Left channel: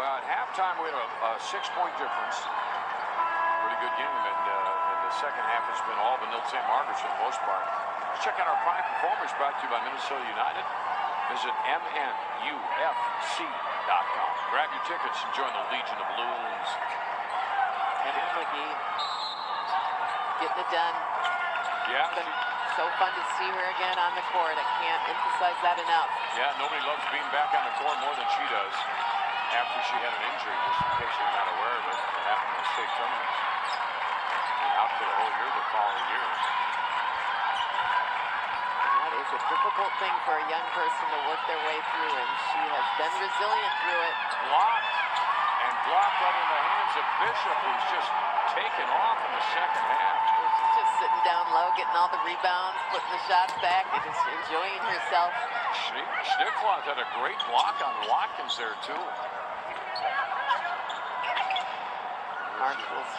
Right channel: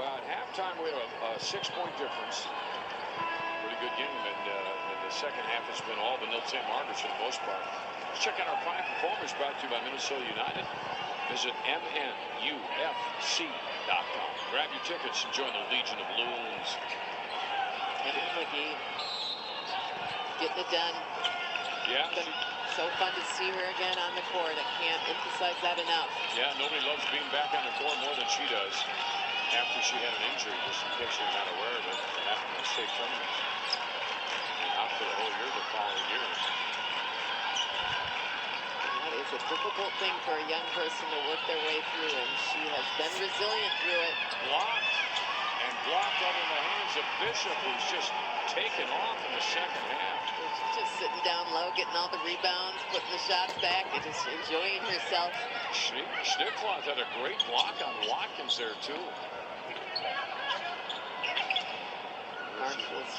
Well, at halftime, we had a 6-point difference. Pretty good game. And in the second half, it's been all Benilde St. Margaret's for the most part. Let's check out our 5 performers brought to you by Minnesota United. Visit MNUFC.com. Grab your tickets and join the Legion of Loons. Kendall McGee getting it done. Yeah. So fun to see her again on the court. I can't emphasize that enough. Yeah, nobody loves being back on the court more than she does. After she had an injury, just in case you're not aware of it, after the state tournament. And out for the whole year the following year. That is a difficult thing for a young person to work their way through, and she has been resilient through it. Blocked and blocked out in the hands of Bishop, who's just taken off in the second half. She's just sitting down low, getting all the rebounds, putting the shots back, and just enjoying herself. Schnickloff had a great block on Watkins there, too. Marshalls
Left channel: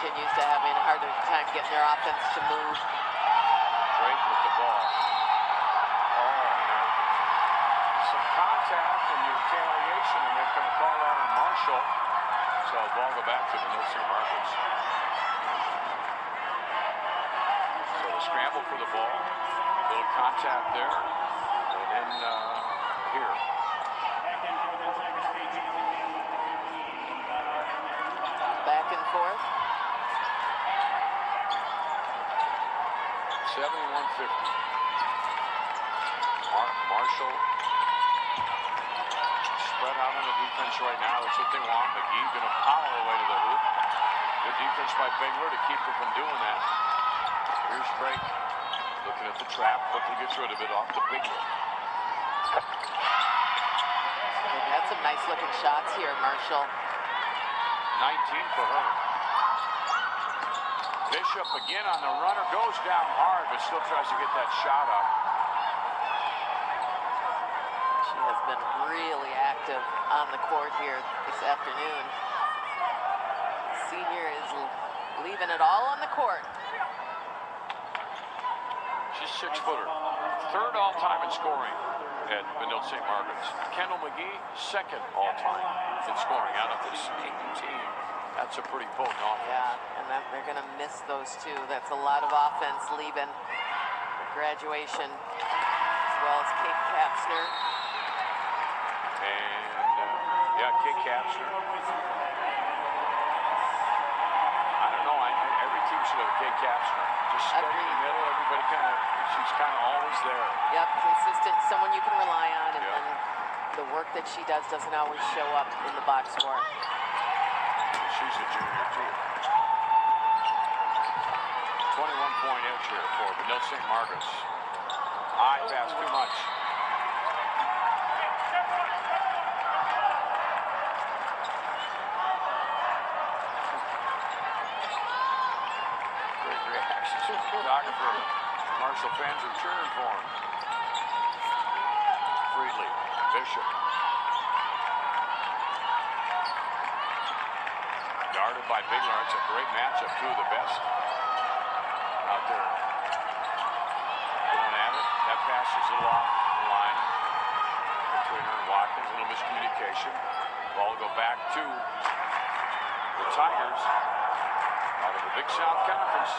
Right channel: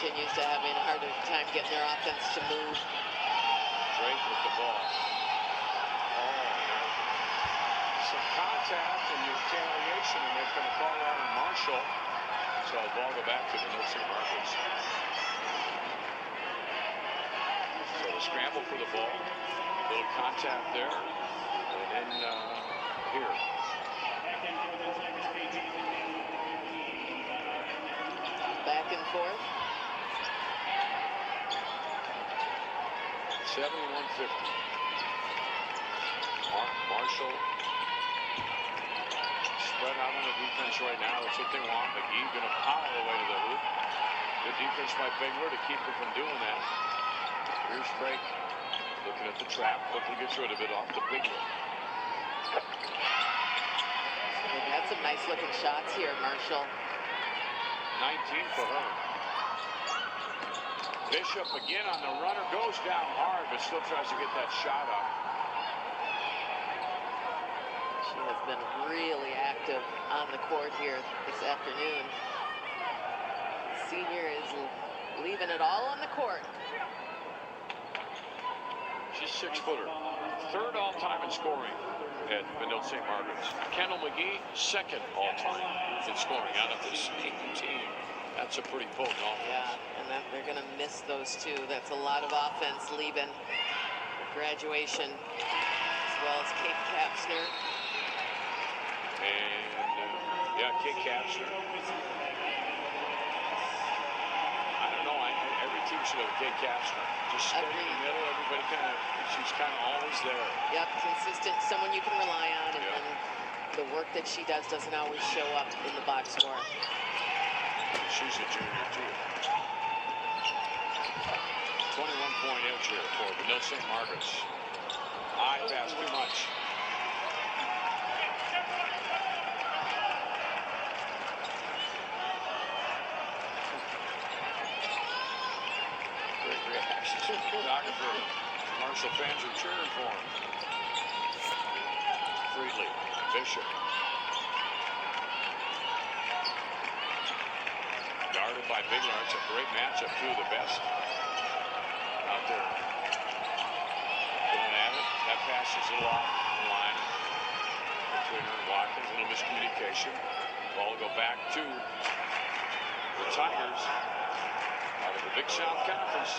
continues to having a harder time getting their offense to move. Drake with the ball. Some contact and retaliation, and they're going to call out on Marshall. So the ball go back to the Benilde St. Margaret's. So the scramble for the ball. A little contact there. And then here. Back and forth. 71-50. Marshall spread out on the defense right now. That's what they want. McGee going to power away to the hoop. Good defense by Bigler to keep her from doing that. Here's Drake looking at the trap. Quickly gets rid of it off the Bigler. They've had some nice looking shots here, Marshall. 19 for her. Bishop again on the runner, goes down hard, but still tries to get that shot up. She has been really active on the court here this afternoon. The senior is leaving it all on the court. She's 6-footer. 3rd all-time in scoring at Benilde St. Margaret's. Kendall McGee, 2nd all-time in scoring out of this team. That's a pretty potent offense. Yeah, and they're going to miss those two. That's a lot of offense leaving for graduation, as well as Kate Kapsner. And, yeah, Kate Kapsner. I don't know. Every team should have Kate Kapsner. Just steady in the middle. Everybody she's kind of always there. Yep, consistent, someone you can rely on, and then the work that she does doesn't always show up in the box score. She's a junior, too. 21-point edge here for Benilde St. Margaret's. High pass, too much. Great reaction. Photographer. Marshall fans are cheering for him. Freely. Bishop. Guarded by Bigler. It's a great matchup. 2 of the best out there. Going at it. That pass is a lot in line between her and Watkins. A little miscommunication. Ball will go back to the Tigers out of the Big South Conference.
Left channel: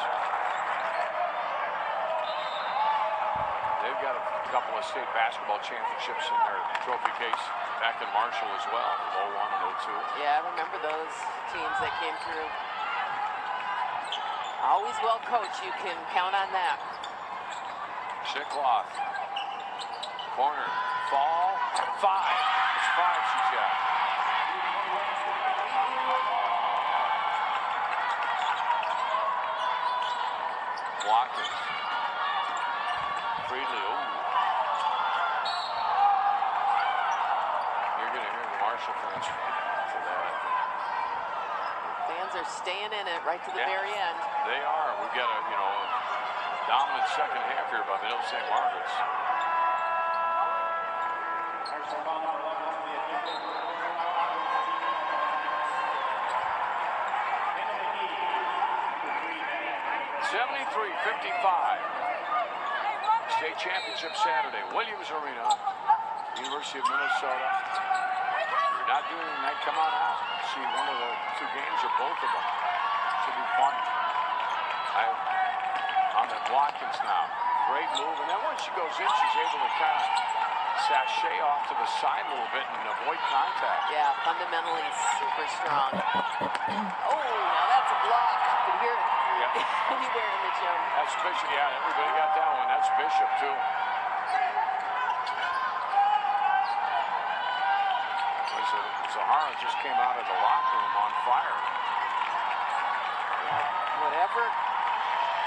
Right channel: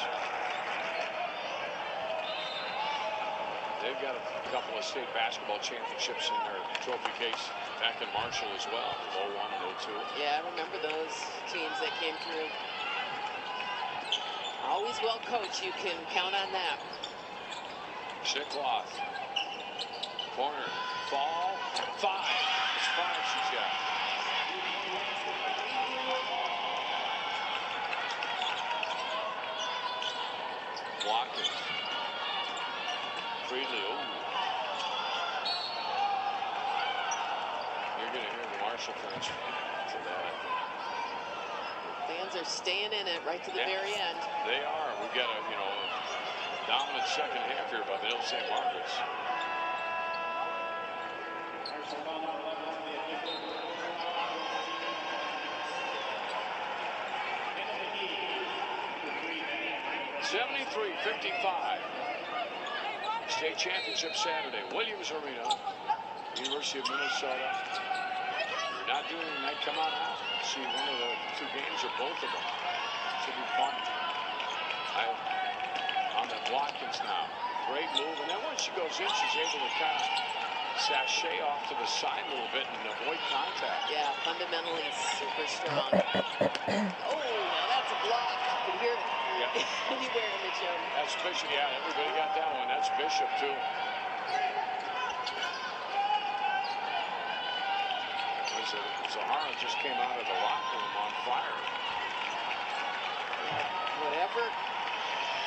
They've got a couple of state basketball championships in their trophy case back in Marshall as well, 01 and 02. Yeah, I remember those teams that came through. Always well coached, you can count on that. Schnickloff. Corner. Fall. 5. It's 5 she's got. Watkins. Freely. Ooh. You're going to hear the Marshall fans tonight. Fans are staying in it right to the very end. They are. We've got a, dominant second half here by Benilde St. Margaret's. (73-55). State championship Saturday, Williams Arena, University of Minnesota. Not doing it, might come on out. See one of the two games or both of them. Should be fun. On the Watkins now. Great move. And then once she goes in, she's able to kind of sashay off to the side a little bit and avoid contact. Yeah, fundamentally super strong. Oh, now that's a block. You can hear it anywhere in the gym. That's Bishop. Yeah, everybody got that one. That's Bishop, too. Zahara just came out of the locker room on fire. Yeah, whatever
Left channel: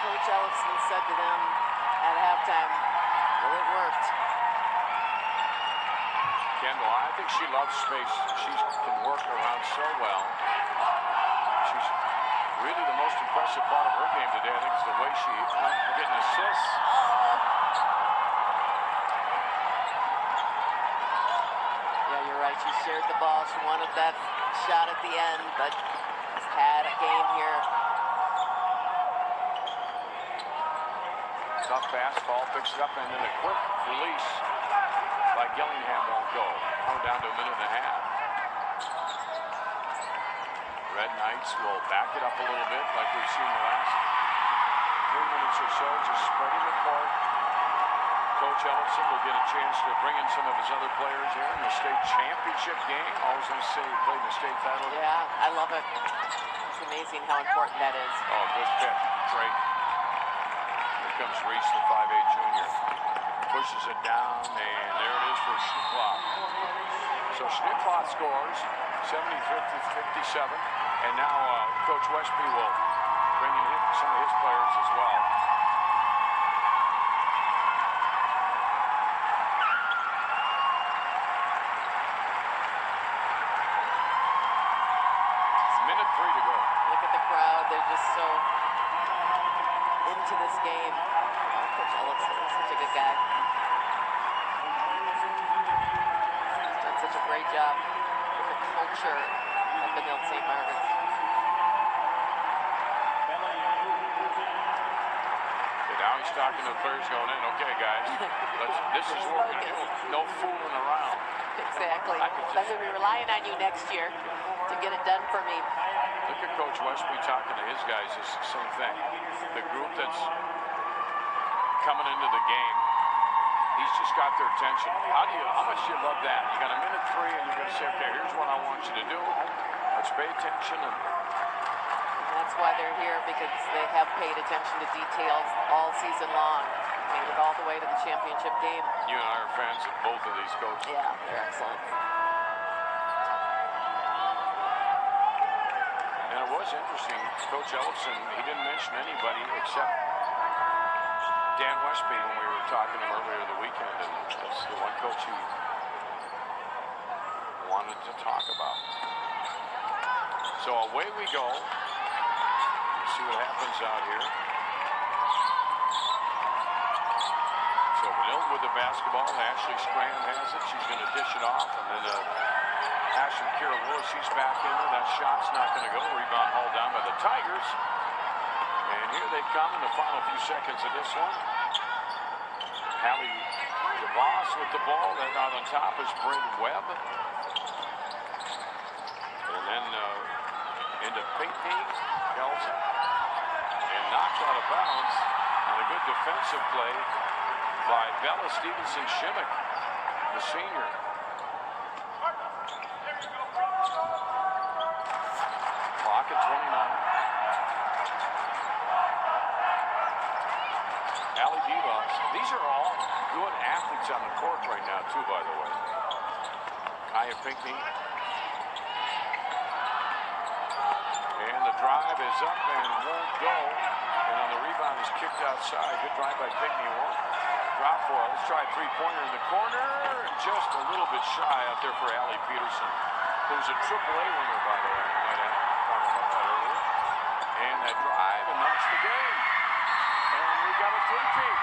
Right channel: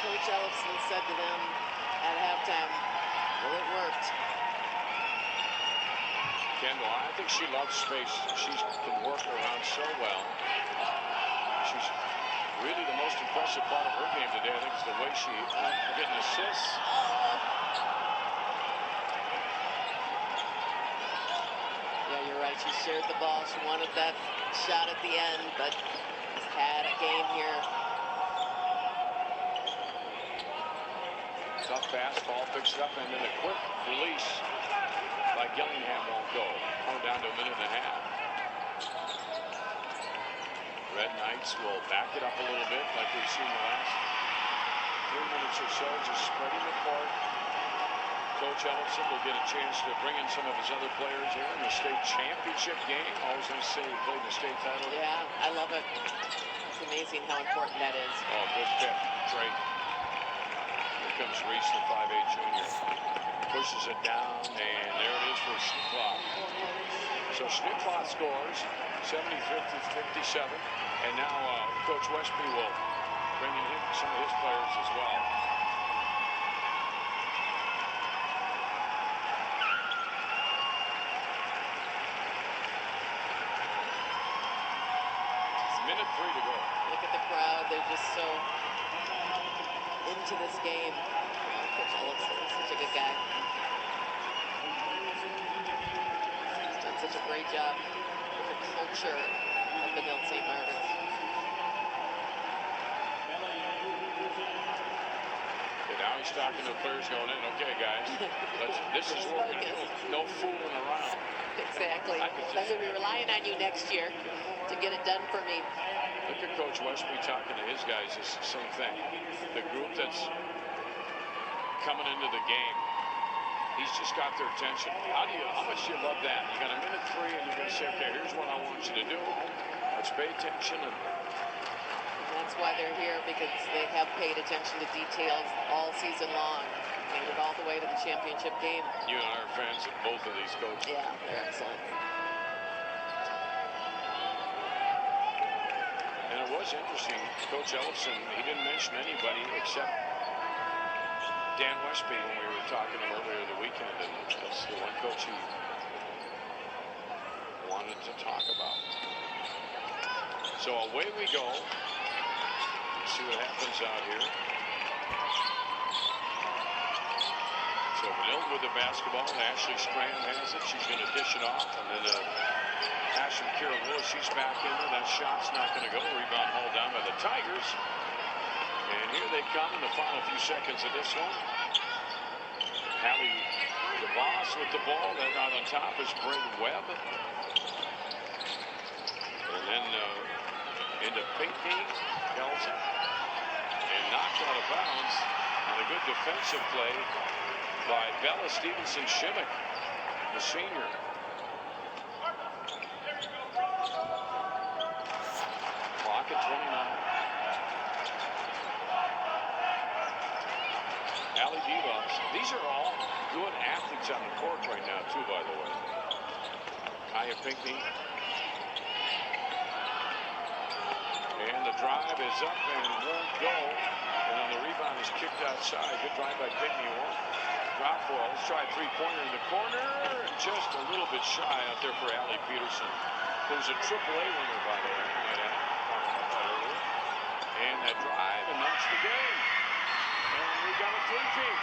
Coach Ellison said to them at halftime, well, it worked. Kendall, I think she loves space. She can work around so well. She's really the most impressive part of her game today. I think it's the way she getting assists. Yeah, you're right. She shared the ball. She wanted that shot at the end, but has had a game here. Tough pass, ball picks it up, and then a quick release by Gillingham won't go. Come down to a minute and a half. Red Knights will back it up a little bit like we've seen the last 3 minutes or so, just spreading the court. Coach Ellison will get a chance to bring in some of his other players here in the state championship game. Always going to say he played in the state title. Yeah, I love it. It's amazing how important that is. Oh, good pick, Drake. Here comes Reese, the 5'8" junior. Pushes it down, and there it is for Schnittloff. So Schnittloff scores, 70-57, and now Coach Westby will bring in some of his players as well. Minute 3 to go. Look at the crowd. They're just so into this game. Coach Ellison is such a good guy. He's done such a great job with the culture at Benilde St. Margaret's. And now he's talking to the players going in, okay, guys, this is what we're doing. No fooling around. Exactly. I'm going to be relying on you next year to get it done for me. Look at Coach Westby talking to his guys. It's the same thing. The group that's coming into the game, he's just got their attention. How much do you love that? You got a minute 3 and you're going to say, okay, here's what I want you to do. Let's pay attention. And that's why they're here, because they have paid attention to details all season long. Made it all the way to the championship game. you and I are fans of both of these coaches. Yeah, they're excellent. And it was interesting. Coach Ellison, he didn't mention anybody except Dan Westby when we were talking to him earlier the weekend. And that's the one coach he wanted to talk about. So away we go. Let's see what happens out here. So Benilde with the basketball. Ashley Strand has it. She's going to dish it off. And then Ashley Kira Lewis, she's back in there. That shot's not going to go. Rebound hauled down by the Tigers. And here they come in the final few seconds of this one. Hallie DeVos with the ball. Then out on top is Brayden Webb. And then into Pinckney. Kelson. And knocked out of bounds on a good defensive play by Bella Stevenson-Shimmick, the senior. Clock at 29. Allie DeVos. These are all good athletes on the court right now, too, by the way. Kaya Pinckney. And the drive is up and won't go. And on the rebound is kicked outside. Good drive by Pinckney. Won't drop for it. Let's try a three-pointer in the corner. Just a little bit shy out there for Allie Peterson, who's a AAA winner, by the way. And that drive, and that's the game. And we got a three-peat.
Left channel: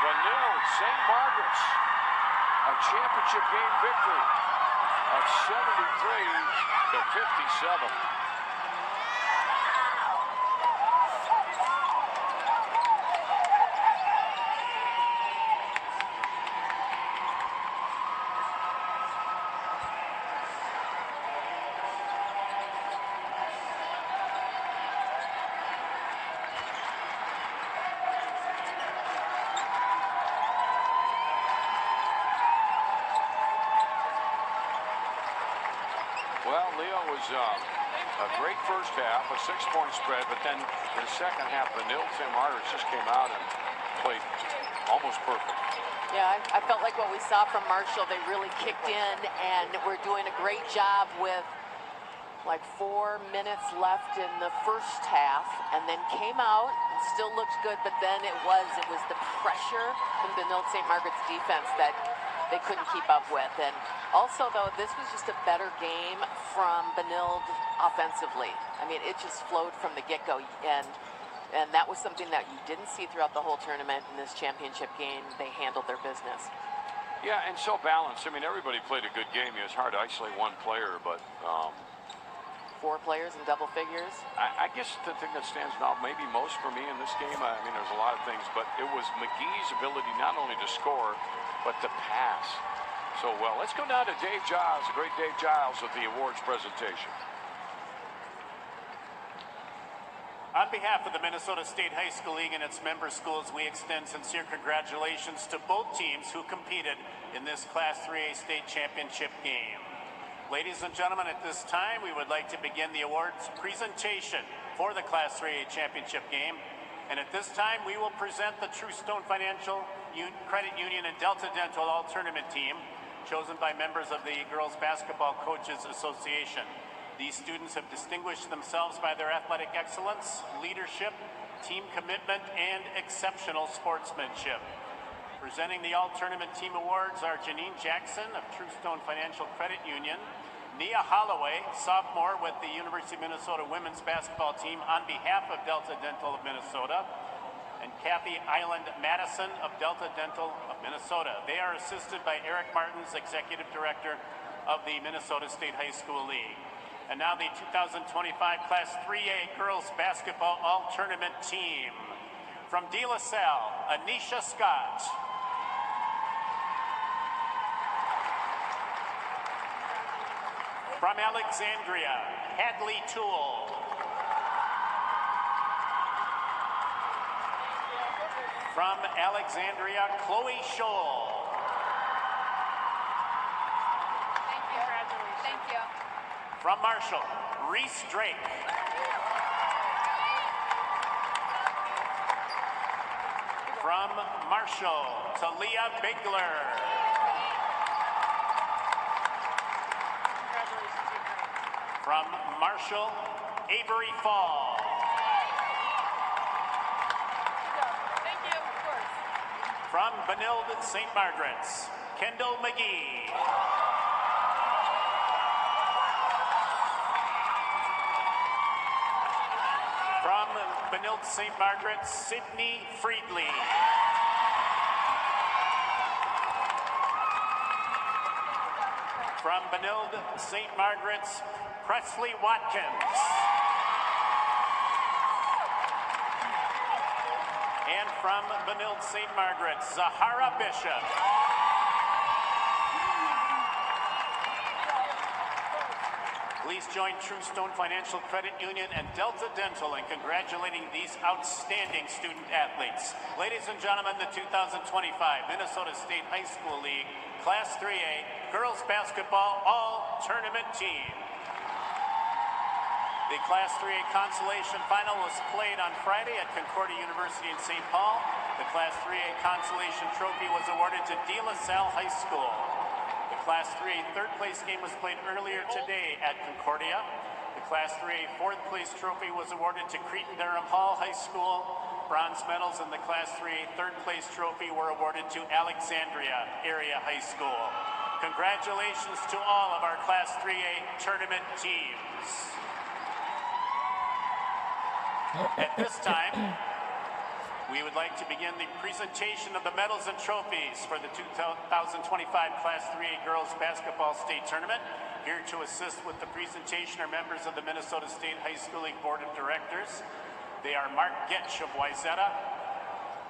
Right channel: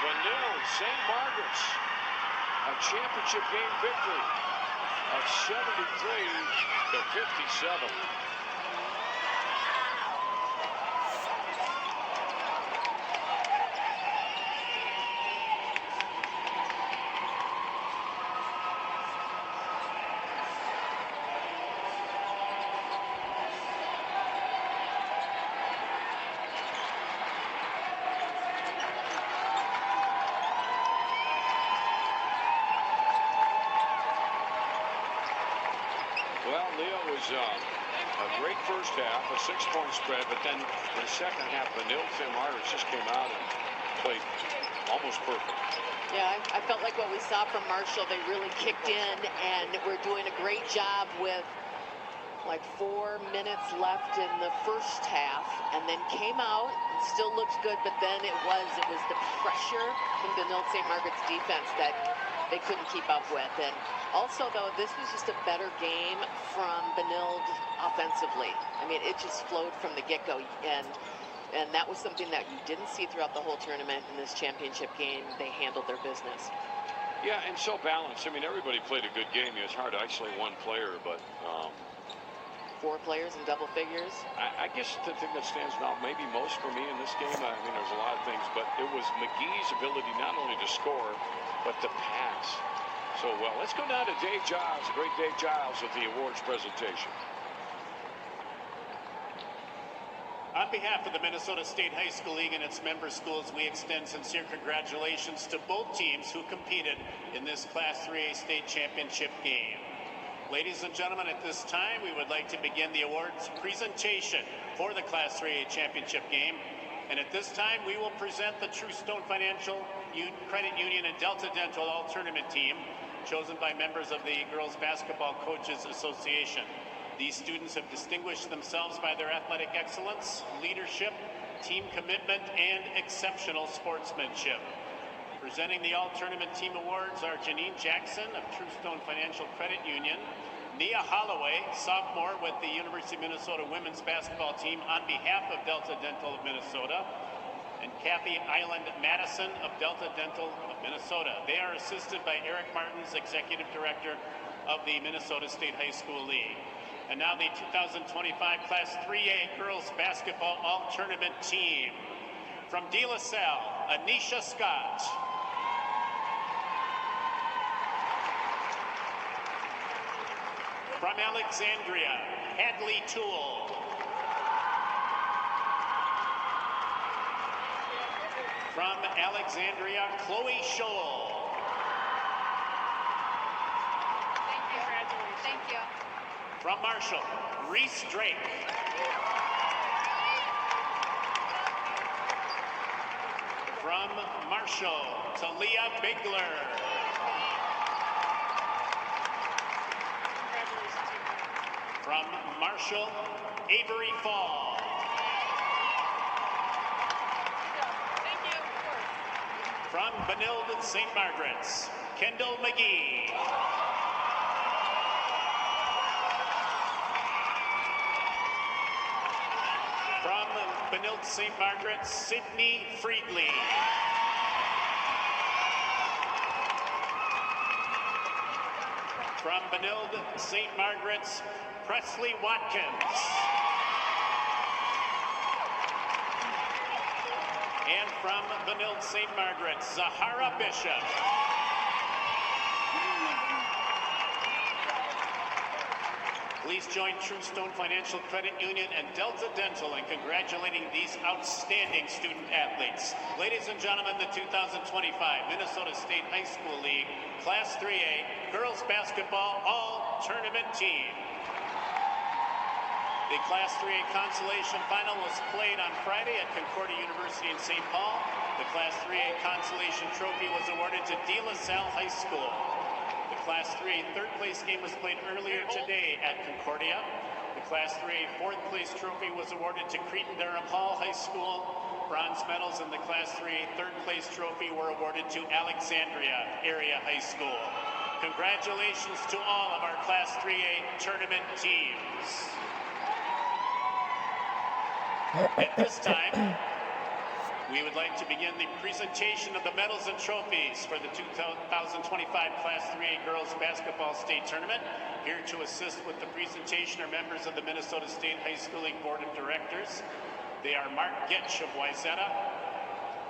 Benilde St. Margaret's, a championship game victory of 73-57. Well, Leo was a great first half, a 6-point spread, but then in the second half, Benilde St. Margaret's just came out and played almost perfect. Yeah, I felt like what we saw from Marshall, they really kicked in and were doing a great job with like 4 minutes left in the first half, and then came out and still looked good, but then it was the pressure from Benilde St. Margaret's defense that they couldn't keep up with. And also, though, this was just a better game from Benilde offensively. I mean, it just flowed from the get-go, and that was something that you didn't see throughout the whole tournament. In this championship game, they handled their business. Yeah, and so balanced. I mean, everybody played a good game. It's hard to isolate one player, but 4 players in double figures. I guess the thing that stands out maybe most for me in this game, I mean, there's a lot of things, but it was McGee's ability not only to score, but to pass so well. Let's go down to Dave Giles, the great Dave Giles, with the awards presentation. On behalf of the Minnesota State High School League and its member schools, we extend sincere congratulations to both teams who competed in this Class 3A state championship game. Ladies and gentlemen, at this time, we would like to begin the awards presentation for the Class 3A championship game. And at this time, we will present the True Stone Financial Credit Union and Delta Dental All-Tournament team, chosen by members of the Girls Basketball Coaches Association. These students have distinguished themselves by their athletic excellence, leadership, team commitment, and exceptional sportsmanship. Presenting the All-Tournament Team Awards are Janine Jackson of True Stone Financial Credit Union, Nia Holloway, sophomore with the University of Minnesota women's basketball team on behalf of Delta Dental of Minnesota, and Kathy Island Madison of Delta Dental of Minnesota. They are assisted by Eric Martins, Executive Director of the Minnesota State High School League. And now the 2025 Class 3A Girls Basketball All-Tournament Team. From De La Salle, Anisha Scott. From Alexandria, Hadley Toole. From Alexandria, Chloe Scholl. Thank you. From Marshall, Reese Drake. From Marshall, Talia Bigler. From Marshall, Avery Fall. Thank you, of course. From Benilde St. Margaret's, Kendall McGee. From Benilde St. Margaret's, Sydney Friedley. From Benilde St. Margaret's, Presley Watkins. And from Benilde St. Margaret's, Zahara Bishop. Please join True Stone Financial Credit Union and Delta Dental in congratulating these outstanding student athletes. Ladies and gentlemen, the 2025 Minnesota State High School League Class 3A Girls Basketball All-Tournament Team. The Class 3A Consolation Final was played on Friday at Concordia University in St. Paul. The Class 3A Consolation Trophy was awarded to De La Salle High School. The Class 3A third place game was played earlier today at Concordia. The Class 3A fourth place trophy was awarded to Cretin-Durham Hall High School. Bronze medals in the Class 3A third place trophy were awarded to Alexandria Area High School. Congratulations to all of our Class 3A tournament teams. At this time, we would like to begin the presentation of the medals and trophies for the 2025 Class 3A Girls Basketball State Tournament. Here to assist with the presentation are members of the Minnesota State High School League Board of Directors. They are Mark Getch of Wayzata,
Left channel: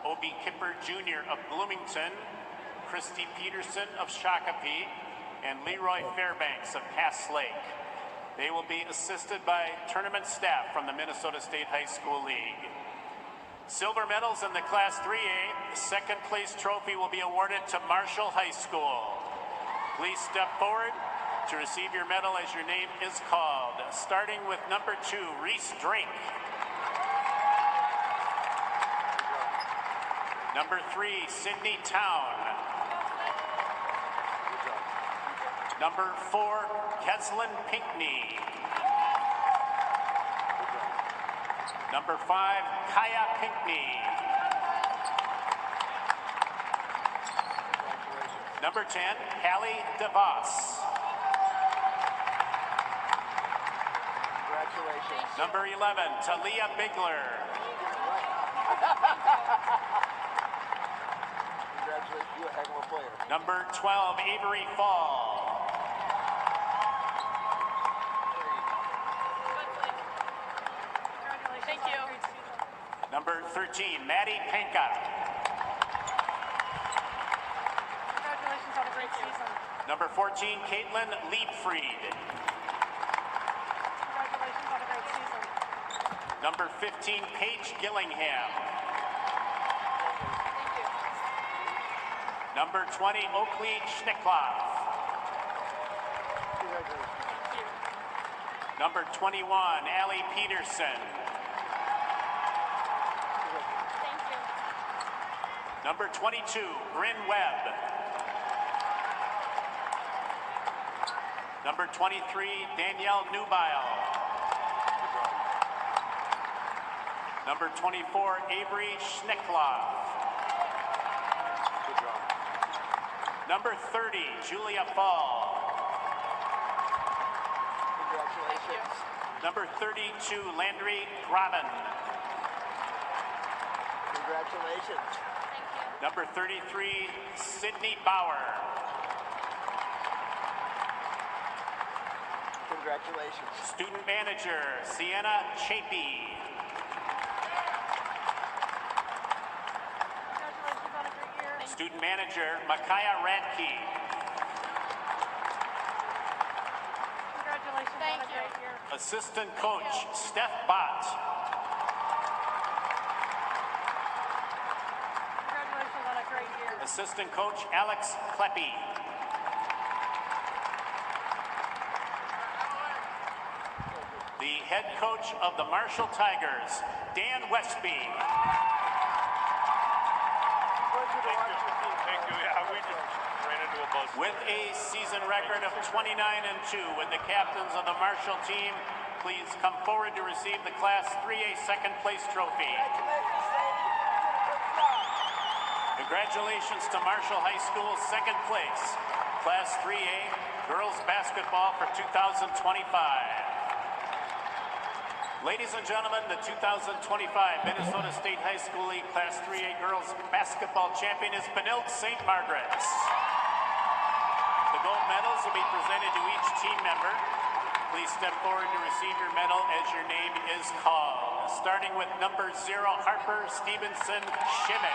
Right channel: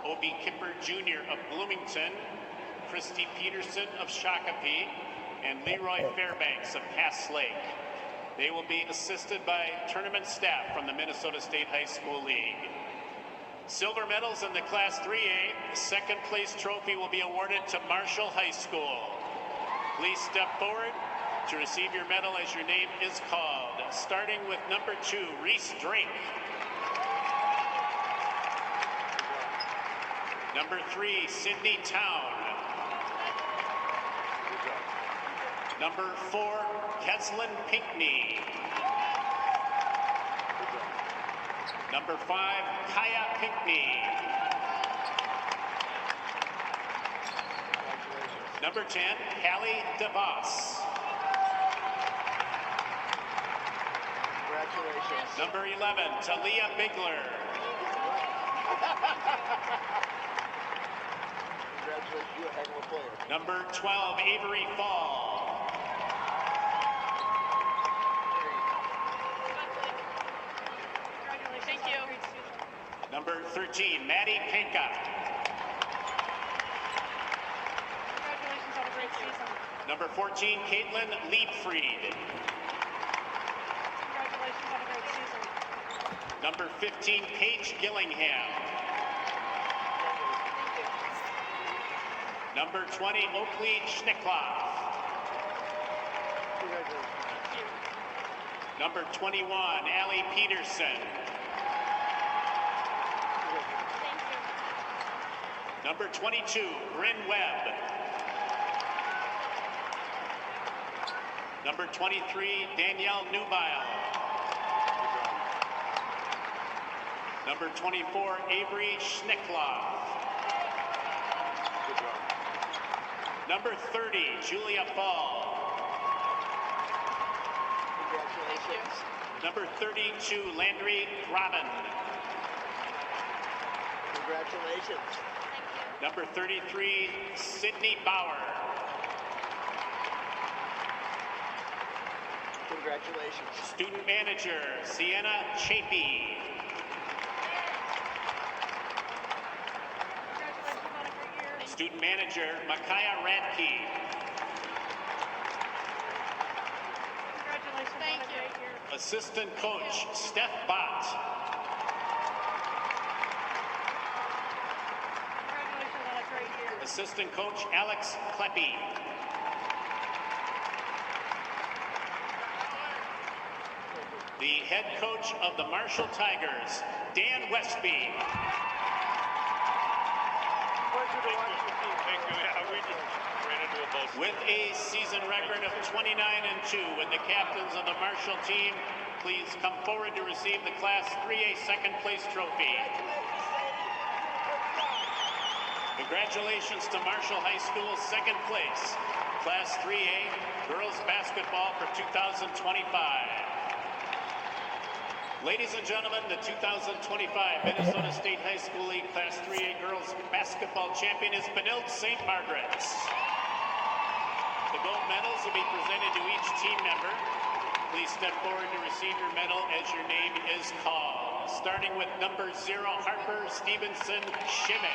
Obi Kipper Jr. of Bloomington, Christy Peterson of Shakopee, and Leroy Fairbanks of Pass Lake. They will be assisted by tournament staff from the Minnesota State High School League. Silver medals in the Class 3A, the second place trophy will be awarded to Marshall High School. Please step forward to receive your medal as your name is called. Starting with number 2, Reese Drink. Number 3, Sydney Town. Number 4, Keslin Pinkney. Number 5, Kaya Pinkney. Number 10, Hallie DeVos. Congratulations. Number 11, Talia Bigler. Congratulations, you're a heck of a player. Number 12, Avery Fall. Thank you. Number 13, Maddie Pinka. Congratulations on a great season. Number 14, Caitlin Liebfried. Congratulations on a great season. Number 15, Paige Gillingham. Number 20, Oakley Schnickloff. Number 21, Allie Peterson. Number 22, Bryn Webb. Number 23, Danielle Nubile. Number 24, Avery Schnickloff. Number 30, Julia Fall. Congratulations. Number 32, Landry Graben. Congratulations. Number 33, Sydney Bauer. Congratulations. Student manager, Sienna Chapey. Congratulations on a great year. Student manager, Micaiah Radke. Congratulations on a great year. Assistant coach, Steph Bott. Congratulations on a great year. Assistant coach, Alex Kleppy. The head coach of the Marshall Tigers, Dan Westby. With a season record of 29-2, and the captains of the Marshall team, please come forward to receive the Class 3A second place trophy. Congratulations to Marshall High School second place, Class 3A girls basketball for 2025. Ladies and gentlemen, the 2025 Minnesota State High School League Class 3A girls basketball champion is Benilde St. Margaret's. The gold medals will be presented to each team member. Please step forward to receive your medal as your name is called. Starting with number 0, Harper Stevenson Schmidt.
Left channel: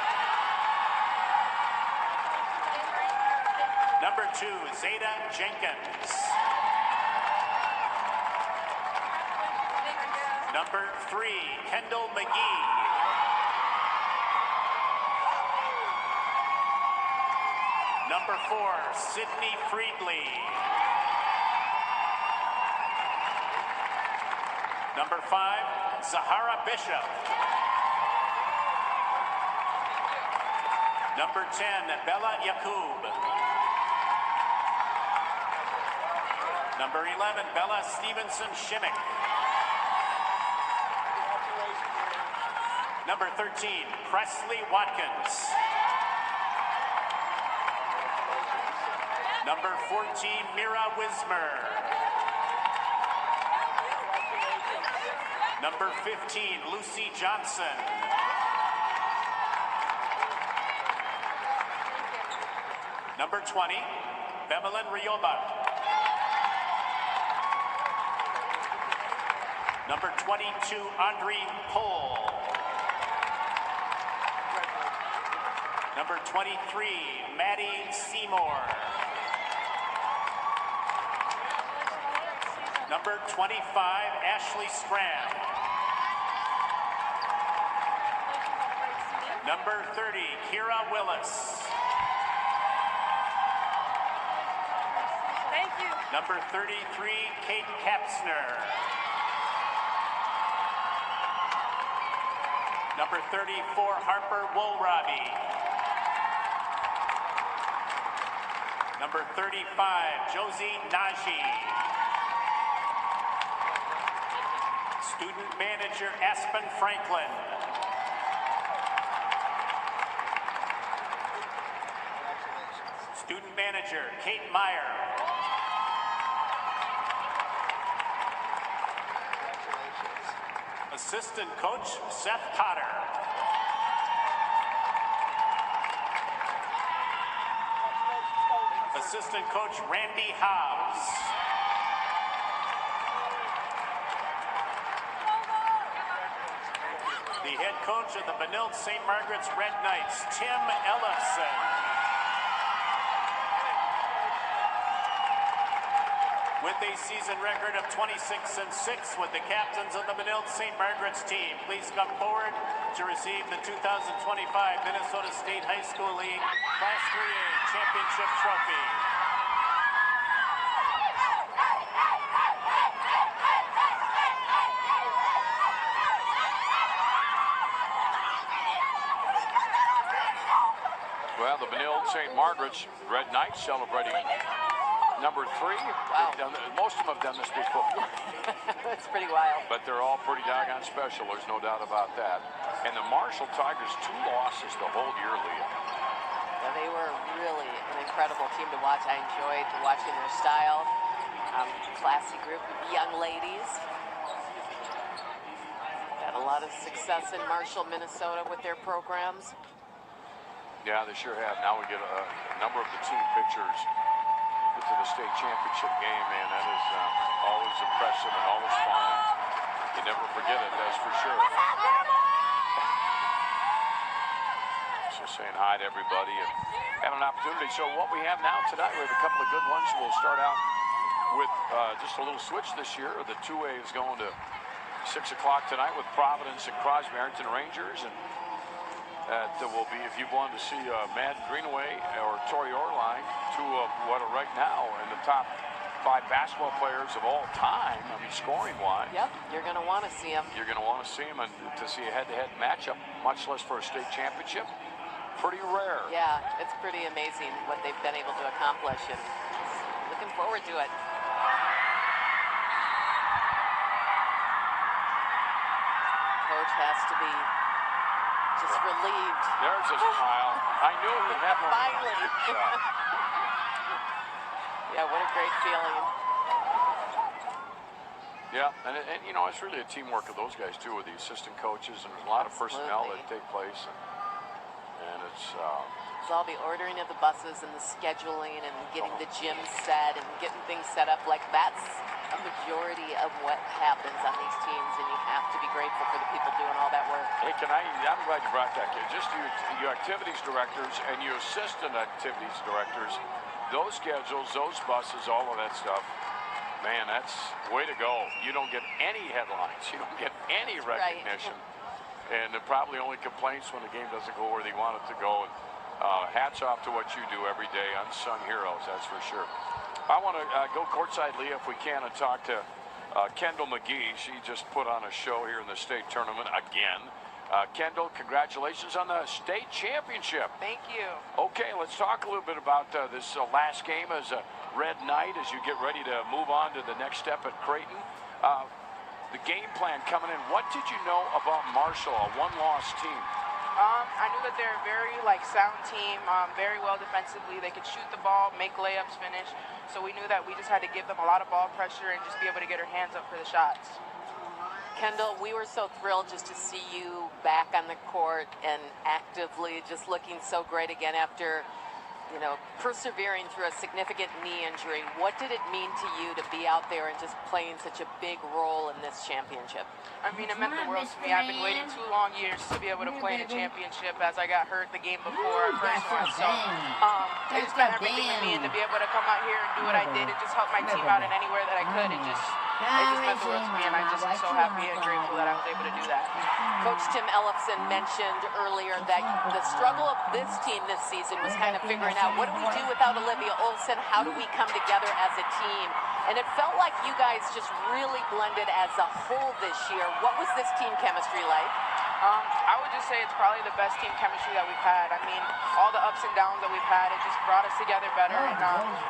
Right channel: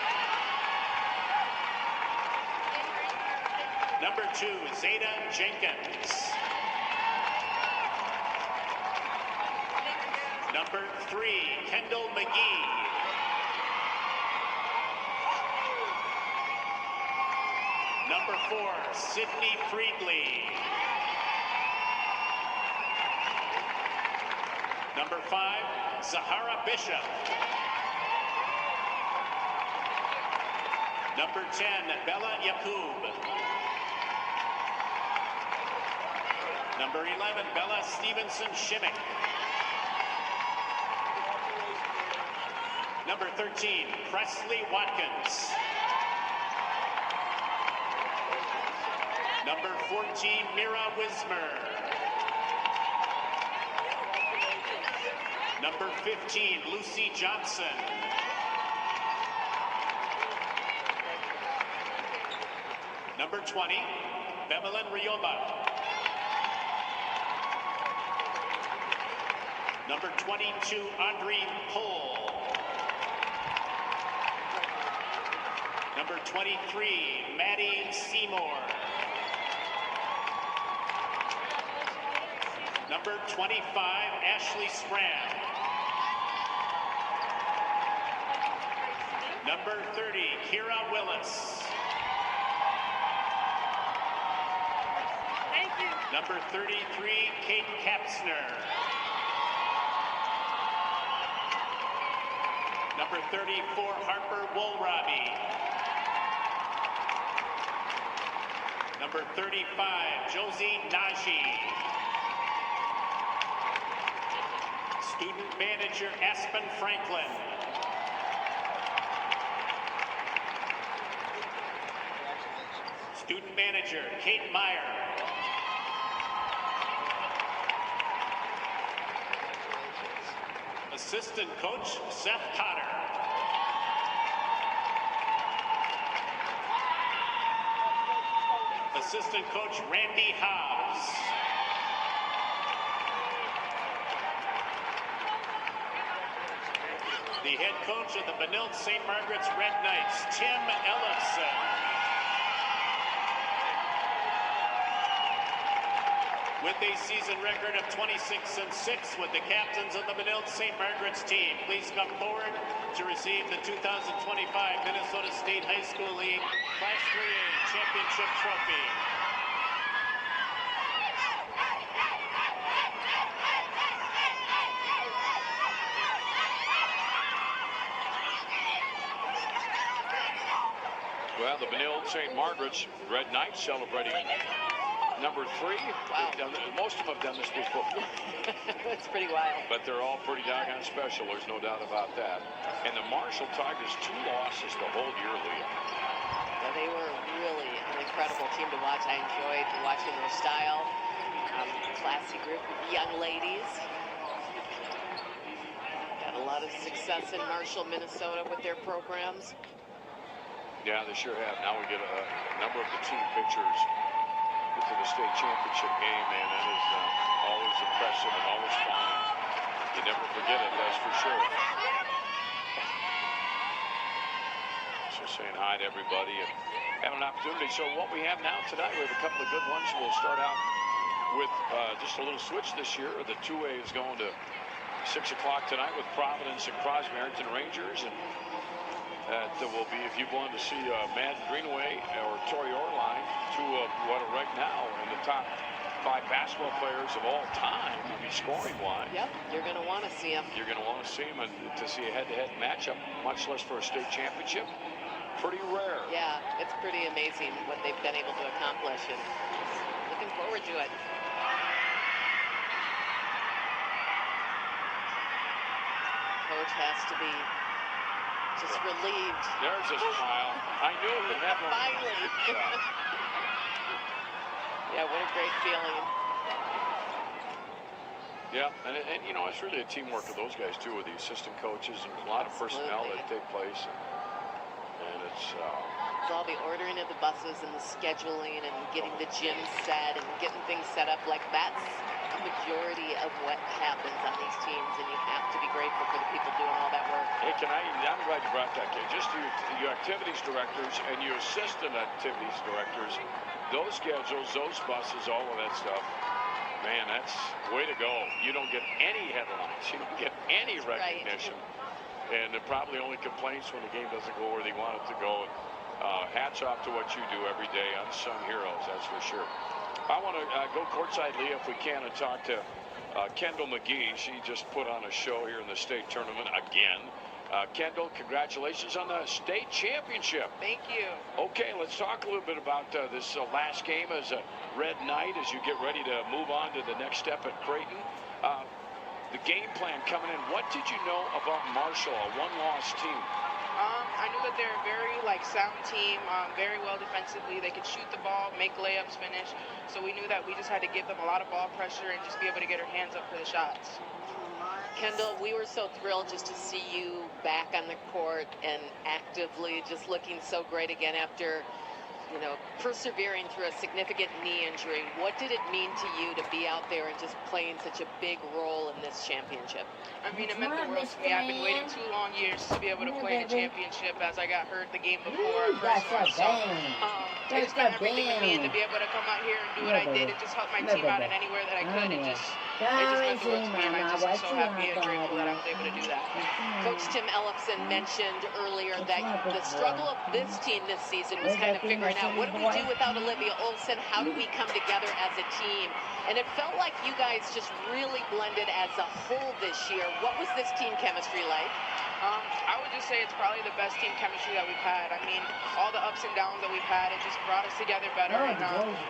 Number 2, Zeta Jenkins. Number 3, Kendall McGee. Number 4, Sydney Friedley. Number 5, Zahara Bishop. Number 10, Bella Yakub. Number 11, Bella Stevenson Shimmick. Number 13, Presley Watkins. Number 14, Mira Wismer. Number 15, Lucy Johnson. Number 20, Bemelin Rioba. Number 22, Audrey Pohl. Number 23, Maddie Seymour. Number 25, Ashley Strand. Number 30, Kira Willis. Thank you. Number 33, Kate Kapsner. Number 34, Harper Woolrabi. Number 35, Josie Najee. Student manager, Aspen Franklin. Student manager, Kate Meyer. Assistant coach, Seth Cotter. Assistant coach, Randy Hobbs. The head coach of the Benilde St. Margaret's Red Knights, Tim Ellefson. With a season record of 26-6 with the captains of the Benilde St. Margaret's team, please come forward to receive the 2025 Minnesota State High School League Class 3A Championship Trophy. Well, the Benilde St. Margaret's Red Knights celebrating number 3. Wow. Most of them have done this before. That's pretty wild. But they're all pretty doggone special. There's no doubt about that. And the Marshall Tigers, 2 losses the whole year, Leah. Yeah, they were really an incredible team to watch. I enjoyed watching their style. Classy group of young ladies. Got a lot of success in Marshall, Minnesota with their programs. Yeah, they sure have. Now we get a number of the team pictures to the state championship game, man. That is always impressive and always fun. You never forget it, that's for sure. So saying hi to everybody and having an opportunity. So what we have now tonight, we have a couple of good ones. We'll start out with just a little switch this year. The 2A is going to 6 o'clock tonight with Providence and Crosby Arrington Rangers. And that will be, if you wanted to see Matt Greenaway or Tori Orline, 2 of what are right now in the top 5 basketball players of all time, I mean, scoring-wise. Yep, you're going to want to see them. You're going to want to see them, and to see a head-to-head matchup, much less for a state championship, pretty rare. Yeah, it's pretty amazing what they've been able to accomplish, and looking forward to it. Coach has to be just relieved. There's a smile. I knew he'd have one. Finally. Yeah, what a great feeling. Yeah, and you know, it's really a teamwork of those guys, too, with the assistant coaches and a lot of personnel that take place. And it's all the ordering of the buses and the scheduling and getting the gym set and getting things set up. Like, that's a majority of what happens on these teams, and you have to be grateful for the people doing all that work. Hey, I'm glad you brought that, Kate. Just your activities directors and your assistant activities directors, those schedules, those buses, all of that stuff, man, that's way to go. You don't get any headlines. You don't get any recognition. Right. And probably only complaints when the game doesn't go where they want it to go. Hats off to what you do every day. Unsung heroes, that's for sure. I want to go courtside, Leah, if we can, and talk to Kendall McGee. She just put on a show here in the state tournament again. Kendall, congratulations on the state championship. Thank you. Okay, let's talk a little bit about this last game as a Red Knight as you get ready to move on to the next step at Creighton. The game plan coming in, what did you know about Marshall, a one-loss team? I knew that they're a very sound team, very well defensively. They could shoot the ball, make layups, finish. So we knew that we just had to give them a lot of ball pressure and just be able to get our hands up for the shots. Kendall, we were so thrilled just to see you back on the court and actively just looking so great again after, you know, persevering through a significant knee injury. What did it mean to you to be out there and just playing such a big role in this championship? I mean, it meant the world to me. I've been waiting 2 long years to be able to play in a championship as I got hurt the game before our first one. So it just meant everything to me to be able to come out here and do what I did and just help my team out in anywhere that I could and just it just meant the world to me, and I'm just so happy and grateful that I was able to do that. Coach Tim Ellefson mentioned earlier that the struggle of this team this season was kind of figuring out, what do we do without Olivia Olson? How do we come together as a team? And it felt like you guys just really blended as a whole this year. What was this team chemistry like? I would just say it's probably the best team chemistry that we've had. I mean, all the ups and downs that we've had, it just brought us together better. And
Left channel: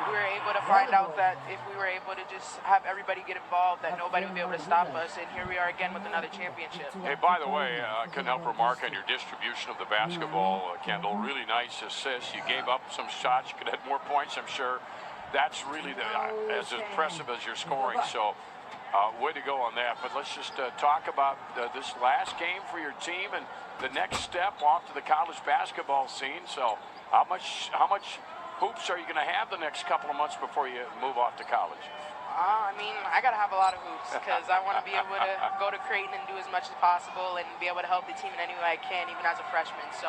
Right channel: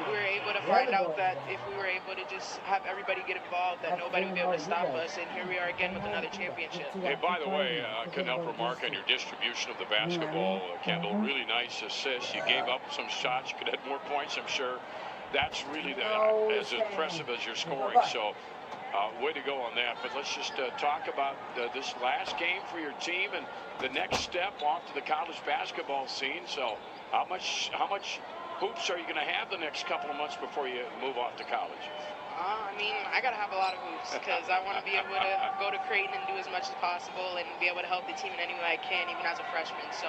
we were able to find out that if we were able to just have everybody get involved, that nobody would be able to stop us. And here we are again with another championship. Hey, by the way, I couldn't help remark on your distribution of the basketball, Kendall. Really nice assists. You gave up some shots. You could have more points, I'm sure. That's really as impressive as your scoring. So, way to go on that. But let's just talk about this last game for your team and the next step off to the college basketball scene. So, how much hoops are you going to have the next couple of months before you move off to college? I mean, I got to have a lot of hoops because I want to be able to go to Creighton and do as much as possible and be able to help the team in any way I can, even as a freshman. So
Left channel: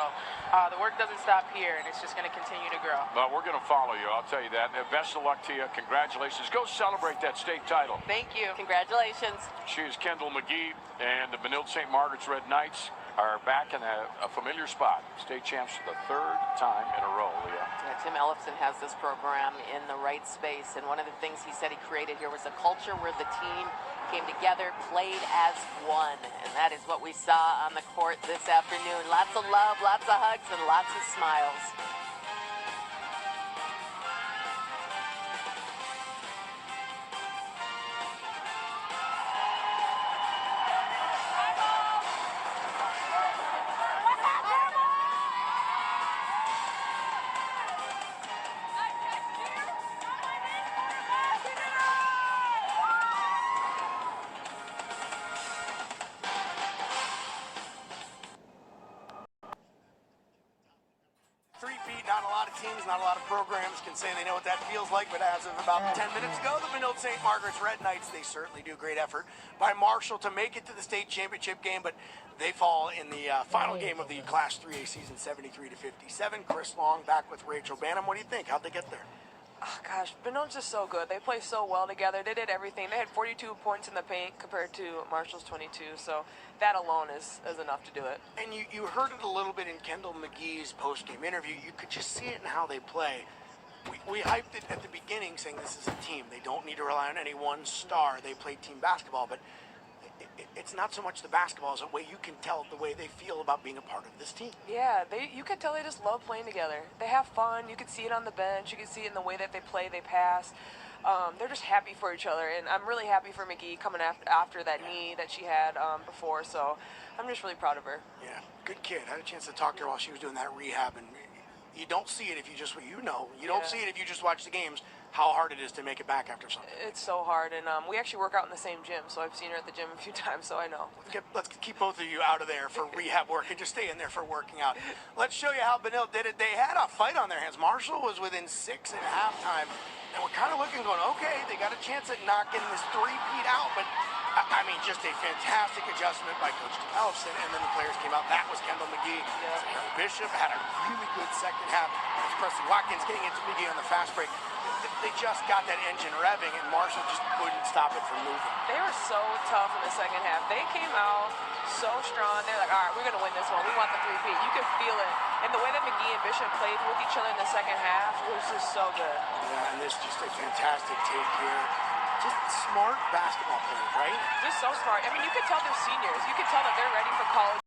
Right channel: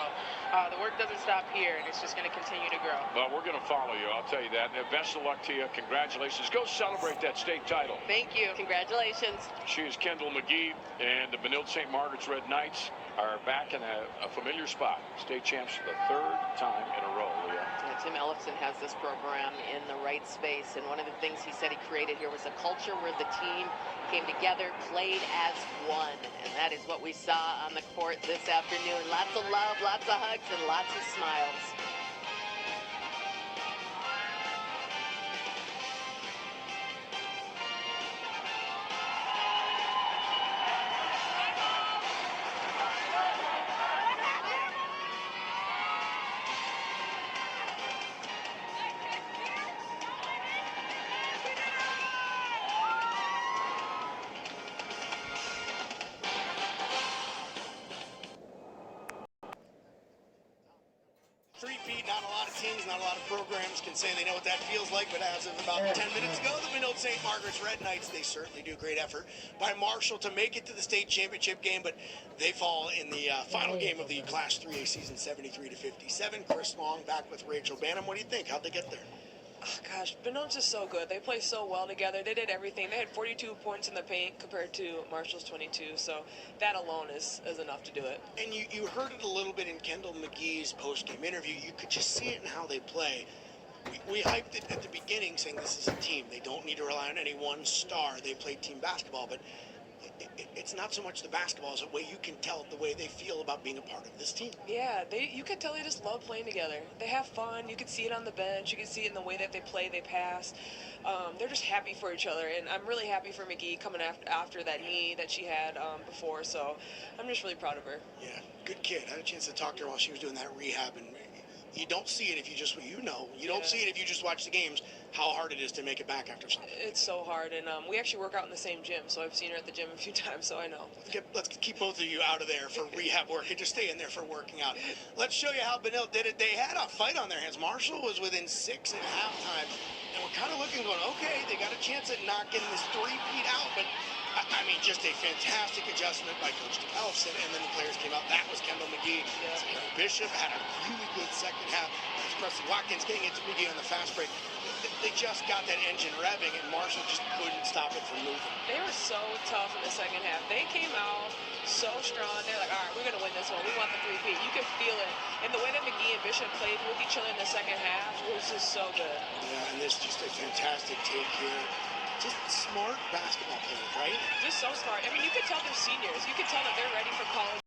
the work doesn't stop here, and it's just going to continue to grow. Well, we're going to follow you, I'll tell you that. And best of luck to you. Congratulations. Go celebrate that state title. Thank you. Congratulations. She is Kendall McGee, and the Benilde St. Margaret's Red Knights are back in a familiar spot. State champs for the third time in a row, Leah. Yeah, Tim Ellefson has this program in the right space, and one of the things he said he created here was a culture where the team came together, played as one, and that is what we saw on the court this afternoon. Lots of love, lots of hugs, and lots of smiles. Three-peat, not a lot of teams, not a lot of programs can say they know what that feels like, but as of about 10 minutes ago, the Benilde St. Margaret's Red Knights, they certainly do. Great effort by Marshall to make it to the state championship game, but they fall in the final game of the Class 3A season, 73-57. Chris Long back with Rachel Banham. What do you think? How'd they get there? Oh, gosh, Benilde's just so good. They play so well together. They did everything. They had 42 points in the paint compared to Marshall's 22, so that alone is enough to do it. And you heard it a little bit in Kendall McGee's post-game interview. You could just see it in how they play. We hyped it at the beginning saying this is a team. They don't need to rely on any one star. They play team basketball, but it's not so much the basketball as a way you can tell the way they feel about being a part of this team. Yeah, you could tell they just love playing together. They have fun. You could see it on the bench. You can see it in the way that they play, they pass. They're just happy for each other, and I'm really happy for McGee coming after that knee that she had before, so I'm just really proud of her. Yeah, good kid. I had a chance to talk to her while she was doing that rehab, and you don't see it if you just, don't see it if you just watch the games, how hard it is to make it back after something. It's so hard, and we actually work out in the same gym, so I've seen her at the gym a few times, so I know. Let's keep both of you out of there for rehab work and just stay in there for working out. Let's show you how Benilde did it. They had a fight on their hands. Marshall was within 6 at halftime, and we're kind of looking going, okay, they got a chance at knocking this three-peat out, but I mean, just a fantastic adjustment by Coach Ellefson, and then the players came out. That was Kendall McGee. Sarah Bishop had a really good second half. That's Presley Watkins getting into McGee on the fast break. They just got that engine revving, and Marshall just couldn't stop it from moving. They were so tough in the second half. They came out so strong. They're like, all right, we're going to win this one. We want the three-peat. You could feel it. And the way that McGee and Bishop played with each other in the second half was just so good. Yeah, and this just a fantastic take here. Just smart basketball players, right? Just so smart. I mean, you could tell they're seniors. You could tell that they're ready for college.